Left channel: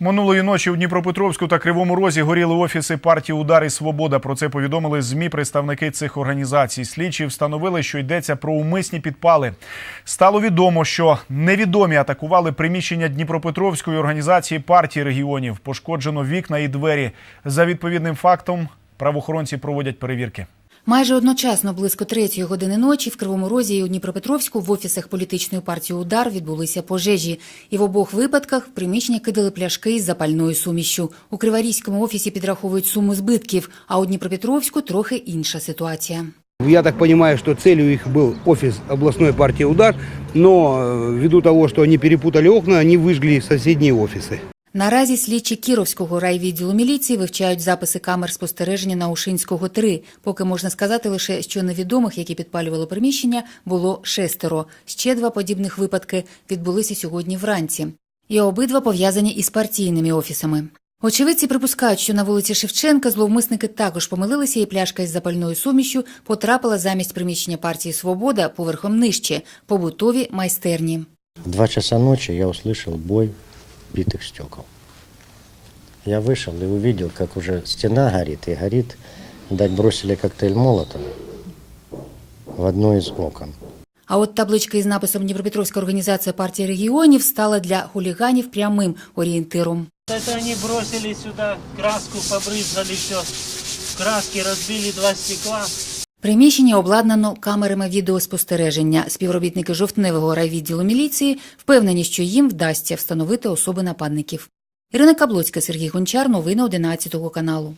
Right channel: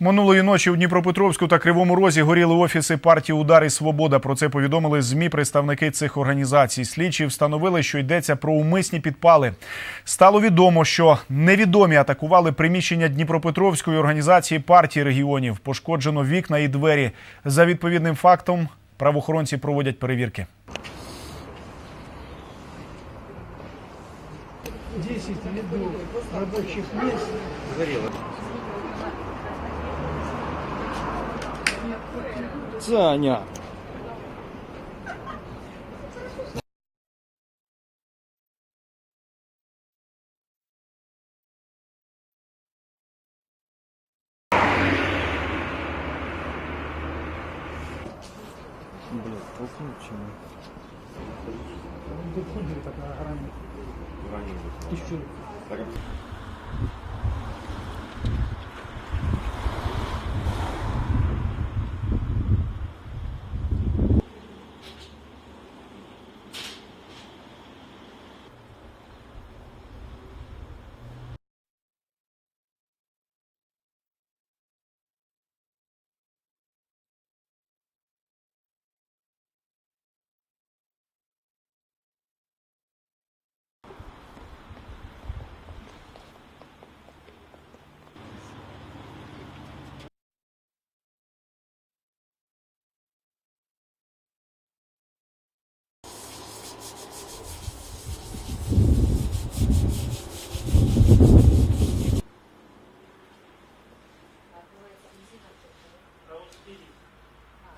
Минулої ночі у Дніпропетровську та Кривому Розі горіли офіси партії Удар і Свобода. Про це повідомили змі представники цих організацій. Слідчі встановили, що йдеться про умисні підпали. Стало відомо, що невідомі атакували приміщення Дніпропетровської організації партії регіонів. Пошкоджено вікна і двері. За відповідним фактом правоохоронці проводять перевірки. Майже одночасно, близько третьої години ночі, в Кривому Розі і у Дніпропетровську в офісах політичної партії «Удар» відбулися пожежі. І в обох випадках в приміщення кидали пляшки із запальною сумішшю. У Криворізькому офісі підраховують суму збитків, а у Дніпропетровську трохи інша ситуація. Я так понимаю, что целью их был офис областной партии «Удар», но э, ввиду того, что они перепутали окна, они выжгли соседние офисы. Наразі слідчі Кіровського райвідділу міліції вивчають записи камер спостереження на Ушинського 3. Поки можна сказати лише, що невідомих, які підпалювали приміщення, було шестеро. Ще два подібних випадки відбулися сьогодні вранці. І обидва пов'язані із партійними офісами. Очевидці припускають, що на вулиці Шевченка зловмисники також помилилися, і пляшка із запальною сумішю потрапила замість приміщення партії Свобода поверхом нижче побутові майстерні. В Два часа ночи я услышал бой битых стекол. Я вышел и увидел, как уже стена горит, и горит, дать бросили коктейль Молотова в одно из окон. А от табличка із написом Дніпропетровська організація партії регіонів стала для хуліганів прямим орієнтиром. Это они бросили сюда краску, побрызгали все. Краски разбили два стекла. Приміщення обладнано камерами відеоспостереження. Співробітники жовтневого райвідділу міліції впевнені, що їм вдасться встановити особи нападників. Ірина Каблоцька, Сергій Гончар. Новини 11 каналу.